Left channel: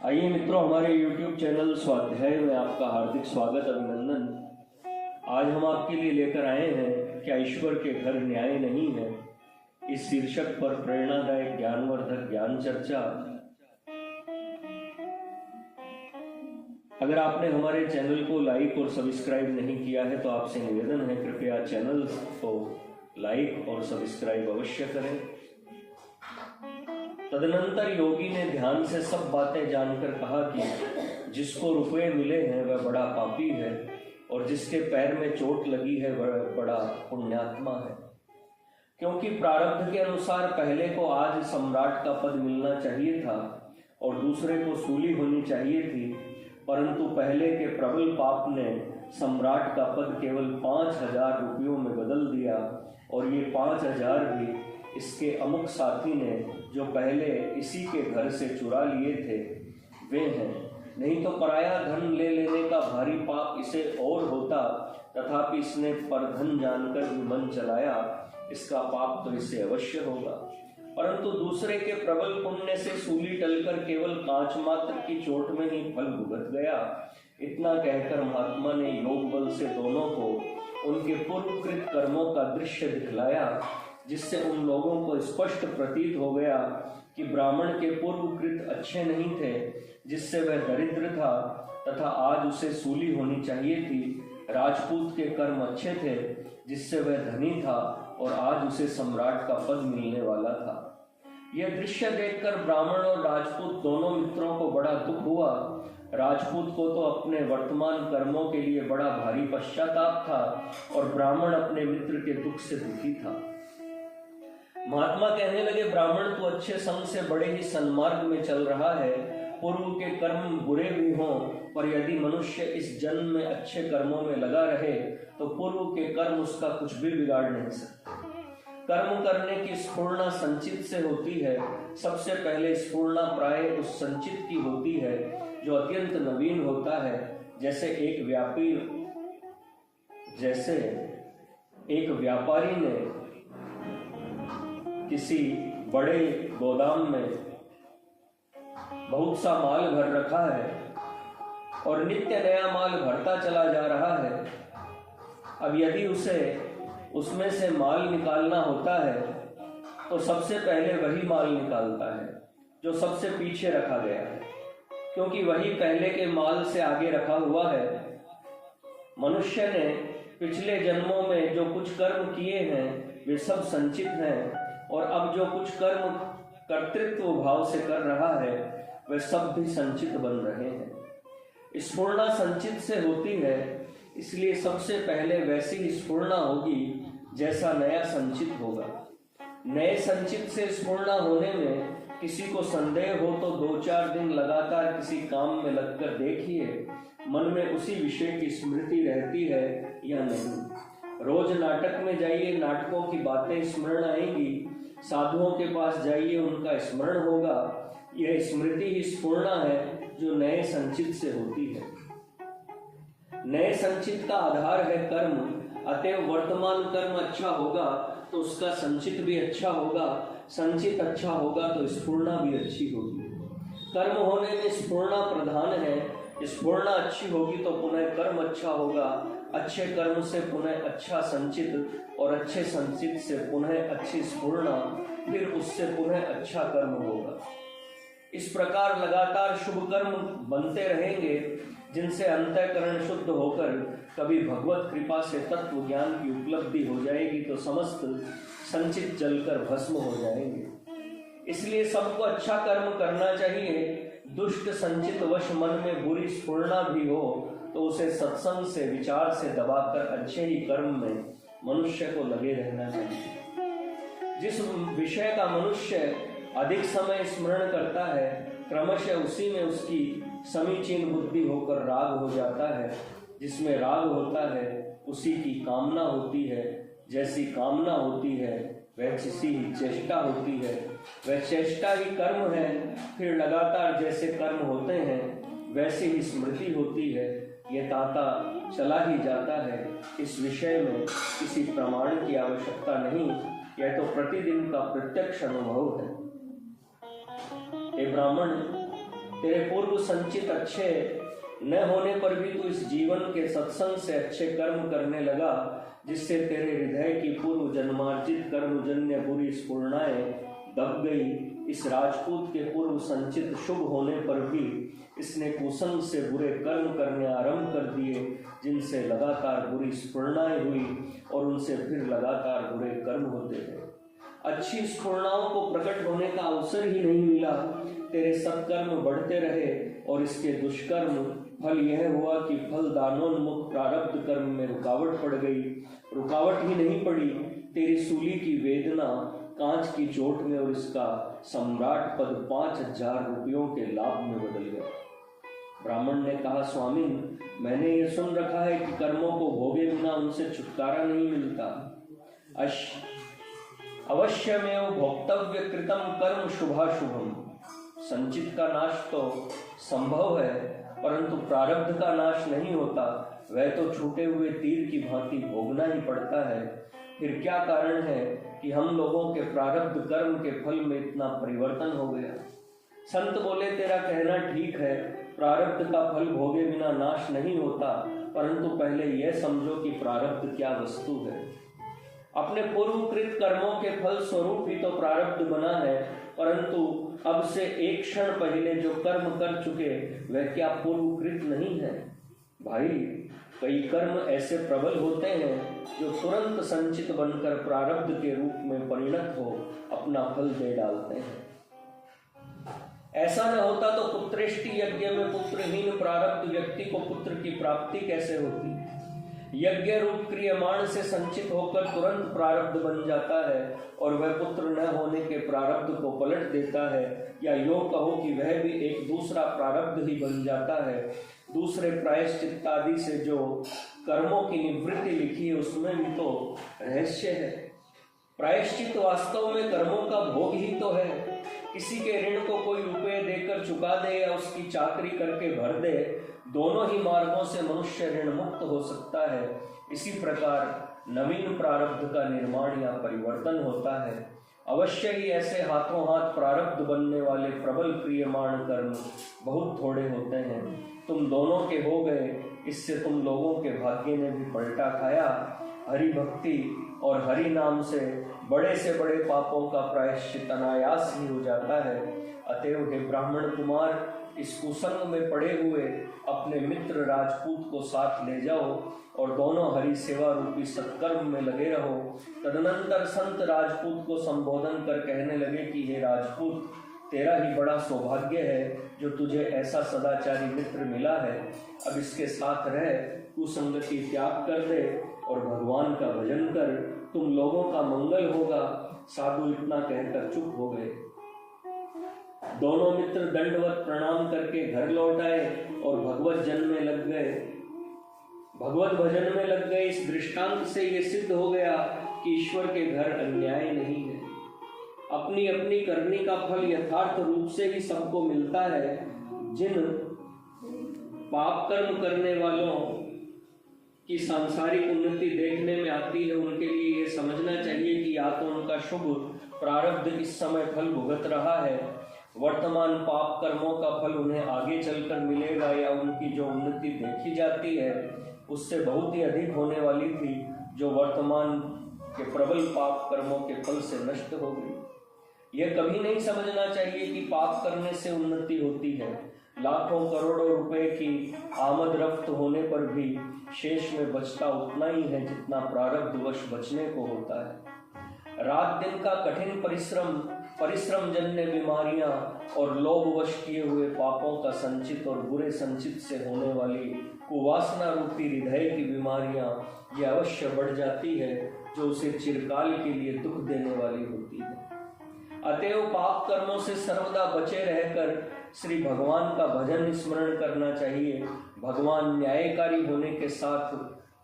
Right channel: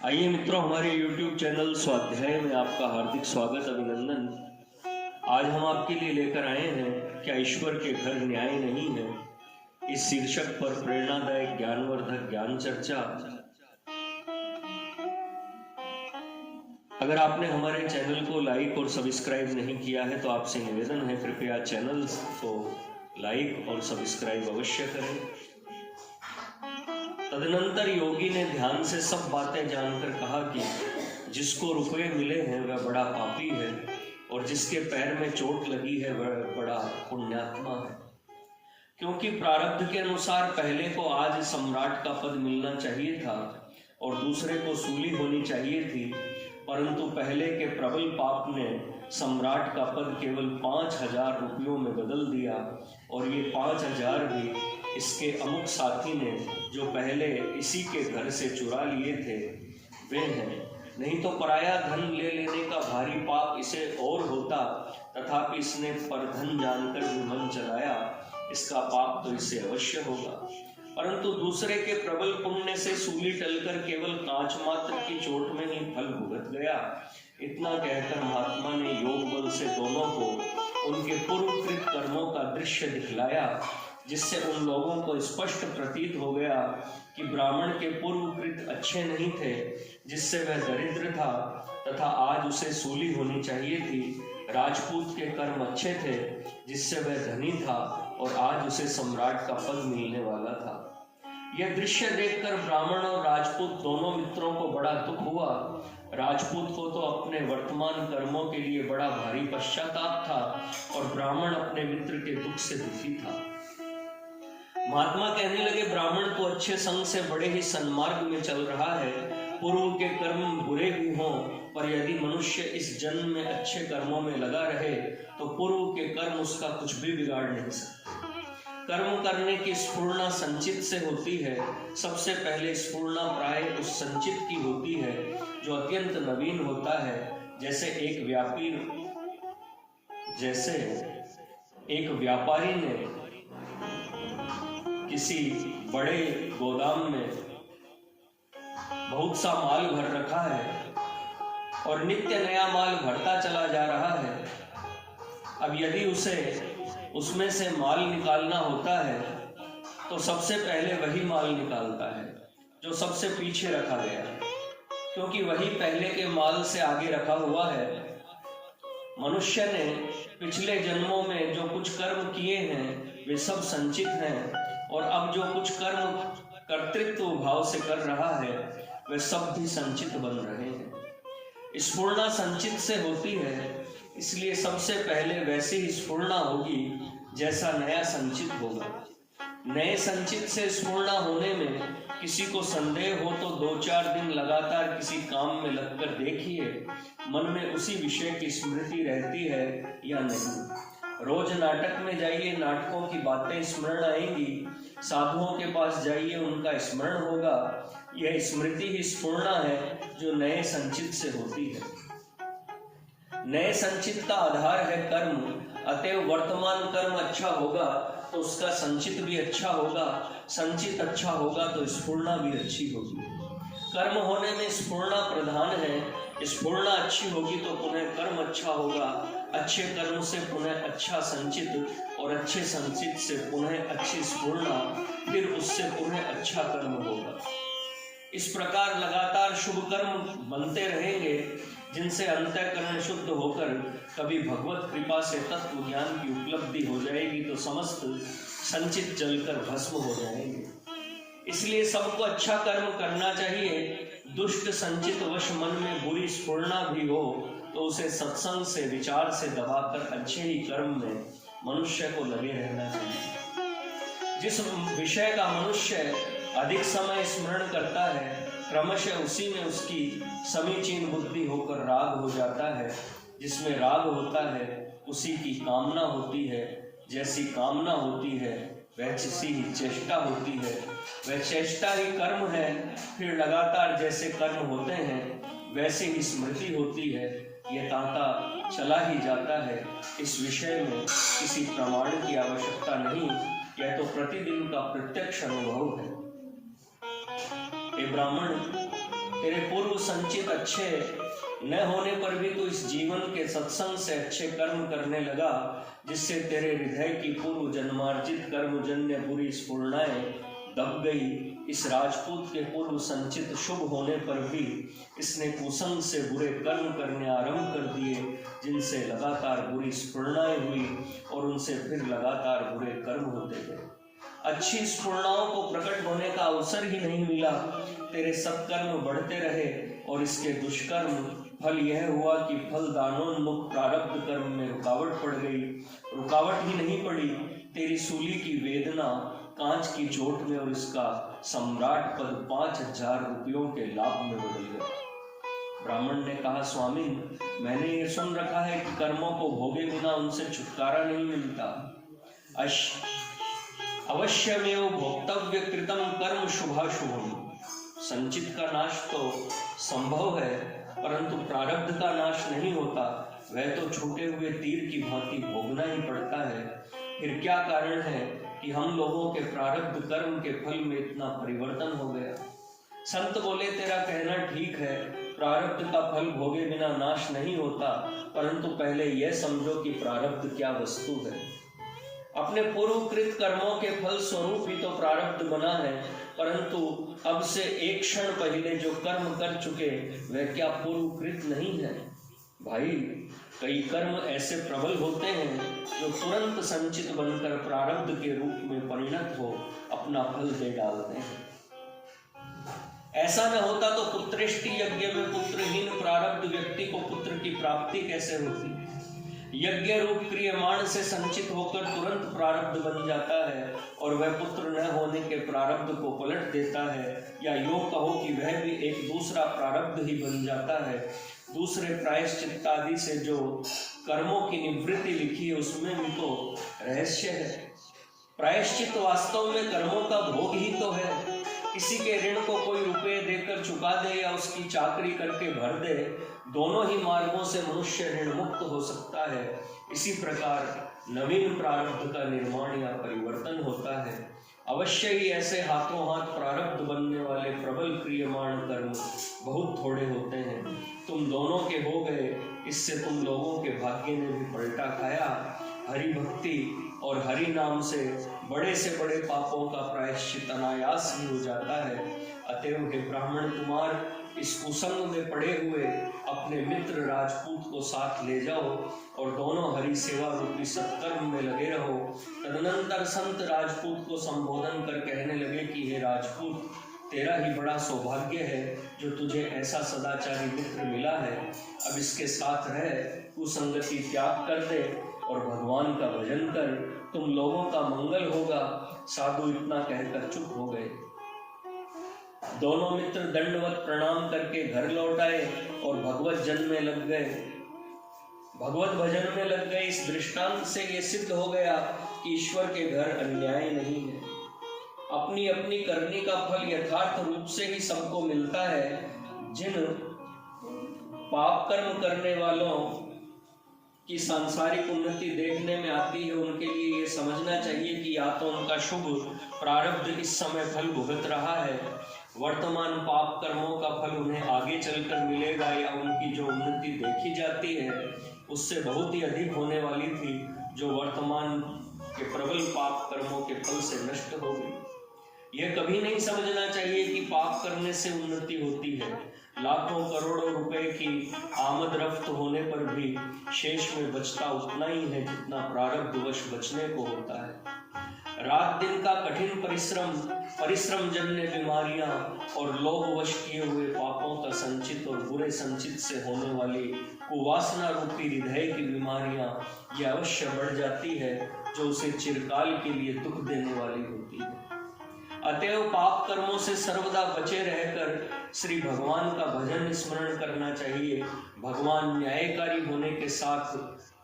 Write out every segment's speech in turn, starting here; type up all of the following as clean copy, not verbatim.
आइए मित्रों, हमारे YouTube चैनल स्वाध्याय में आपका हार्दिक स्वागत अभिनंदन। आज हम आपके लिए लेकर आए हैं क्या ईश्वर के घर न्याय नहीं है, इस शीर्षक पर प्रेरणादायक ज्ञानवर्धक ज्ञान चर्चा। अगर आपने हमारे चैनल को लाइक और सब्सक्राइब नहीं किया है तो आपसे निवेदन है, कृपया चैनल को लाइक और सब्सक्राइब अवश्य करें। तदनंतर योगी ने ध्यान से सब बातें जानकर कहा कि जिसको रुपए मिले हैं वह बड़ा पापी है और जिसके पैर में चोट लगी है वह बड़ा पुण्यात्मा है। क्योंकि प्रारब्ध के अनुसार पहले को आज सम्राट का पद मिलना चाहिए था और दूसरे को सूली होनी चाहिए थी, परंतु पहले के प्रबल पाप ने सम्राट का पद केवल 5,000 रुपयों में बदल दिया और ये 5,000 भी इसके अमुक साथी ने जो पहले इसी के घर से चुरा लिए थे वे हैं। नहीं तो पराया धन ले लेने का भारी पाप इसे और होता, तथापि इसने परधन जानकर भी मन चलाया, इसका पाप तो इसे अवश्य होगा। परंतु दूसरे के प्रबल पुण्य से सूली टलकर केवल कांच मात्र की चोट में ही फल भुगत गया। इतना कहकर महात्मा ने योग बल से दोनों को उनके पूर्वकृत कर्मों का दृश्य दिखलाया, जिससे उन लोगों को स्पष्ट प्रतीत हो गया कि ब्राह्मण के पूर्वकृत अच्छे नहीं थे, जिससे वह दरिद्र था तथा आज उसे सूली होनी चाहिए थी। राजपूत के कर्म अच्छे थे, जिससे वह धनी था और आज उसे सम्राट का पद मिलने वाला था। यह दृश्य देखकर ब्राह्मण और राजपूत दोनों मित्रों को बड़ा दुख हुआ। राजपूत को तो अपने वर्तमान कर्मों के लिए बड़ा भारी पश्चाताप था और ब्राह्मण अपने मित्र के दुख से दुखी था। महात्मा कहने लगे, ब्राह्मण तो अच्छे संग से बड़े ही सन्मार्ग में चल रहा है। पूर्व के कर्म बुरे भी हों, पर यदि मनुष्य इस जन्म में अच्छे कर्मों में लगा रहे तो पूर्व के कर्म उसका कुछ भी बिगाड़ नहीं सकते। कर्म करने की स्फूर्णा संचित से होती है। सबसे पहले स्फूर्णा प्राय उस संचित की होती है जो अत्यंत नवीन होता है। जैसे एक व्यापारी ने किसी बड़े गोदाम में बहुत सा माल भर रखा है और नित्य नया माल भरता चला जा रहा है। अब यदि उसे उसमें से माल निकालना होता है तो सबसे पहले वही माल निकालता है जो सबसे पीछे रखा गया है, क्योंकि वही पहले के माल से आगे रखा हुआ है। मनुष्य ने पिछले जन्मों में जो कुछ कर्म किए हैं वे सब संचित हैं और अब जो कुछ कर्म कर्तृत्व भाव से कर रहा है वे सब भी संचित बन रहे हैं। स्फूर्णा संचित से होती है, इसलिए सबसे पहले वैसी ही स्फूर्णा होगी जैसा नया संचित होगा। नए संचित से स्फूर्णा होने में किसी को संदेह हो तो 2-4 दिन लगातार किसी काम में लगकर देखिए, मन में उसी विषय की स्मृति रहती है या नहीं। रोज नाटक में जाइए, नाटकों की बातें स्मरण आएंगी। साधुओं के पास जाइए, उनका स्मरण होगा। यह स्मृति ही स्फूर्णा है जो नए संचित से होती है। नए संचित का आधार है कर्म, अतएव वर्तमान कर्म अच्छा होगा तो उसका संचित भी अच्छा होगा, संचित अच्छा होगा तो स्फूर्णा भी अच्छी होगी। कर्म होने में स्फूर्णा प्रधान है। स्फूर्णा अच्छी होगी तो पुनः कर्म अच्छा होगा, अच्छे कर्म से पुनः अच्छा संचित और अच्छे संचित से पुनः अच्छी स्फूर्णा, फिर उससे पुनः अच्छा कर्म होगा। इस प्रकार लगातार शुभ कर्म बनते रहेंगे, जिनसे अंतःकरण शुद्ध होकर कभी भगवत कृपा से तत्व ज्ञान की उपलब्धि हो जाएगी तो समस्त संचित जलकर भस्म हो जाएंगे। इसलिए सबको अच्छा कर्म करना चाहिए। दुष्ट संचित वश मन में बुरी स्फूर्णा भी हो तो उसे सत्संग से, विचार से दबाकर अच्छे ही कर्म में मनुष्य को लगे रहना चाहिए। जिस विषय का मनुष्य अधिक समय स्मरण करता है, क्रमशः उसी में उसकी समीचीन बुद्धि होकर राग हो जाता है। जिसमें राग होता है उसी की कामना होती है। जैसी कामना होती है वैसी ही चेष्टा होती है। वह चेष्टा ही कर्म है। फिर लगातार जैसे कर्म होते हैं वैसे ही स्मृति होती है। यह तांता चला ही जाता है। इस विषय में किसी प्रमाण की आवश्यकता नहीं, यह तो प्रतिदिन का प्रत्यक्ष अनुभव है। हे ब्राह्मण, तेरे पूर्व संचित अच्छे न होने पर भी तू इस जीवन के सत्संग से अच्छे कर्म करने लगा, जिससे तेरे हृदय की पूर्व जन्मार्जित कर्मजन्य बुरी स्फुरणाएं दब गई। इस राजपूत के पूर्व संचित शुभ होने पर भी इसने कुसंग से बुरे कर्म करने आरंभ कर दिए, जिनसे लगातार बुरी स्फुरणाएं हुई और उनसे फिर लगातार बुरे कर्म होते गए। अच्छी स्फुरणाओं को प्रकट होने का अवसर ही नहीं मिला। तेरे सत्कर्म बढ़ते रहे और इसके दुष्कर्म फल यह हुआ कि फल दानोन्मुख प्रारब्ध कर्म में रुकावट पड़ गई। रुकावट ही नहीं पड़ी, तेरी सूली की वेदना कांच की चोट में और इसका सम्राट पद 5000 रुपयों के लाभ में बदल गया। ब्राह्मण ने कहा, स्वामी, मैंने ये सुन रखा है कि कर्मों को भोगे बिना उनसे छुटकारा नहीं मिलता। अवश्यमेव भोक्तव्य कृतम कर्म शुभाशुभम। संचित का नाश तो संभव है, परंतु प्रारब्ध का नाश नहीं होता। वह तो छूटे हुए तीर की भांति भोगना ही पड़ता है। फिर क्या कारण है कि हम लोगों के प्रारब्ध कर्म के फल में इतना परिवर्तन हो गया? संत बोले, तेरा कहना ठीक है, प्रारब्ध का फल भोगे बिना नाश नहीं होता, परंतु पहले यह समझो कि प्रारब्ध क्या वस्तु है। अपने पूर्वकृत कर्मों के फल स्वरूप ही तो प्रारब्ध बना है, परंतु अब से एक क्षण पहले जो कर्म कर चुके वह क्या पूर्वकृत नहीं है? भाई, कई कर्म ऐसे प्रबल होते हैं जो तुरंत संचित बनकर प्रारब्ध के रूप में परिणत हो अपना फल दे डालते हैं। ऐसा न होता तो पुत्रेष्टि यज्ञ में पुत्रहीन प्रारब्ध व्यक्ति को पुत्र की प्राप्ति कैसे होती? यज्ञ रूप क्रियमाण से संचित होकर तुरंत प्रारब्ध बन जाता है और वह पुत्र न होने के प्रारब्ध को पलट देता है, या योग कहो कि वह भी एक दूसरा प्रारब्ध ही बन जाता है। दूसरे प्रायश्चित आदि से जो कर्मों की निवृत्ति लिखी है उसमें भी तो रहस्य है। प्रायश्चित वास्तव में कर्मों का भोग ही तो है। किसी के ऋण को कोई रुपये देकर चुका दे या उसकी चाकरी करके भर दे, दोनों ही मार्गों से मनुष्य ऋण मुक्त हो सकता है। इसी प्रकार नवीन प्रारब्ध का निर्माण या परिवर्तन होता है। अवश्य ही ऐसे हाथों हाथ प्रारब्ध बनने वाले प्रबल क्रियमाण कर्म बहुत थोड़े होते हैं। तुम दोनों के हो गए, इससे तुम लोगों के भाग्य ने भी पलटा खाया। हरि भक्ति और हरि नाम से बड़े पापों का प्रायश्चित अनायास ही हो जाता है। अतएव हे ब्राह्मण कुमार, इस कुसंग में पड़े हुए अपने मित्र राजपूत को साथ ले जाओ और दोनों हरि सेवा रूपी सत्कर्म में लगे रहो। तदनंतर संत राजपूत को संबोधन कर कहने लगे कि हे राजपूत, तेरा ही बड़ा सौभाग्य है जो तुझे ऐसा सदाचारी मित्र मिला है। अब इसके साथ रह, कुसंगति त्याग कर दे और भगवान का भजन कर, तुम लोगों का मंगल होगा। साधु इतना कहकर चुप हो गए। दोनों मित्र दंडवत प्रणाम करके घर लौट आए और भगवत जन में लग गए, भगवत भजन में लग गए। इस दृष्टांत से ये सिद्ध हो गया कि ईश्वर के घर अन्याय नहीं है। अपनी अपनी करनी का फल यथार्थ रूप से ही सबको मिलता है। जिन पाप कर्म करने वालों की सांसारिक उन्नति देखने में आती है, उनके लिए ये समझना चाहिए कि या तो उनका शुभ प्रारब्ध इस समय फल भुगत रहा है, वर्तमान पाप कर्मों का फल उन्हें आगे चलकर मिलेगा, या उनकी जो उन्नति देखी जाती है उससे बहुत ही अधिक होने वाली थी, जो वर्तमान के प्रबल पाप कर्मों के फल से नष्ट हो गई। यह कभी नहीं समझना चाहिए कि पाप करने से उन्नति होती है। लाखों करोड़ों रुपए की आमद रफ्त होने पर भी शेष में बचता उतना ही है जितना प्रारब्धवश बचने को होता है। रात दिन का कठिन परिश्रम जन्य बीमारियां और लोभवश किए हुए पापों का संचित और बुरे संचित से होने वाली कुवासना रूपी हृदय की बीमारियां ये अवश्य बढ़ जाती है, जो उसे चिरकाल के लिए दुख देने वाली होती है। अतएव पाप कर्मों से सर्वदा बचे रहकर श्री भगवान का भजन स्मरण करना चाहिए। भगवान न्यायकारी होने के साथ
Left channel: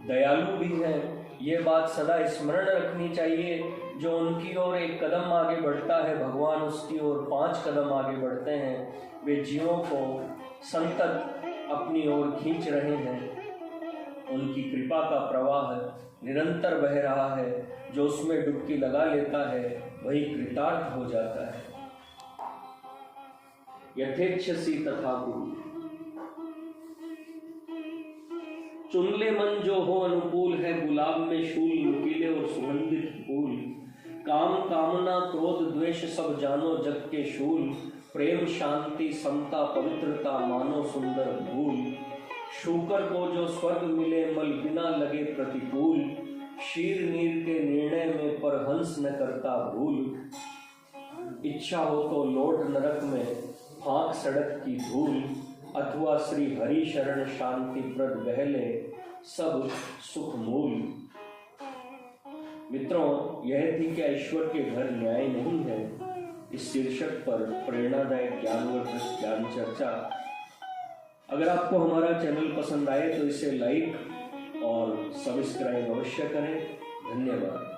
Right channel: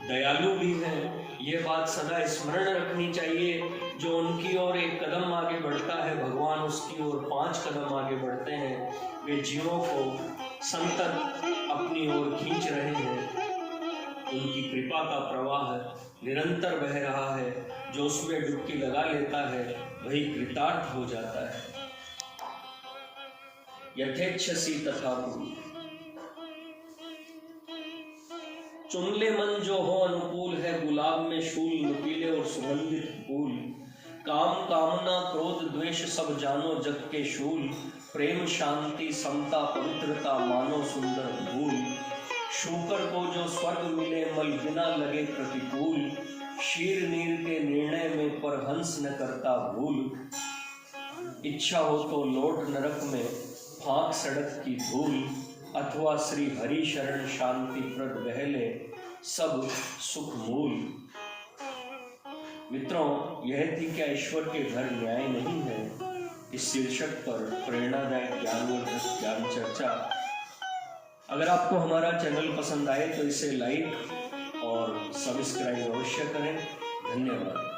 दयालु भी है, ये बात सदा स्मरण रखनी चाहिए। जो उनकी ओर एक कदम आगे बढ़ता है, भगवान उसकी ओर 5 कदम आगे बढ़ते हैं। वे जीवों को संतत अपनी ओर खींच रहे हैं। उनकी कृपा का प्रवाह निरंतर बह रहा है। जो उसमें डुबकी लगा लेता है वही कृतार्थ हो जाता है। यथेच्छसी तथा कुल। चुन ले मन जो हो अनुकूल है, गुलाब में शूल नुकीले और सुगंधित फूल। काम कामना क्रोध द्वेष सब जानो जग के शूल। प्रेम शांति समता पवित्रता मानो सुंदर भूल। शूकर को जो स्वर्ग मिले मल बिना लगे प्रतिकूल। शीर नीर के निर्णय में पर हंस न करता भूल। इच्छा हो तो लौट नरक में फांक सड़क की धूल। अथवा श्री हरि शरण शांति प्रद बहले सब सुख मूल। मित्रों, यह थी क्या ईश्वर के घर न्याय नहीं है, इस शीर्षक पर प्रेरणादायक ज्ञानवर्धक ज्ञान चर्चा। अगर आपको हमारा चैनल पसंद आए तो इसे लाइक और सब्सक्राइब अवश्य करें। धन्यवाद।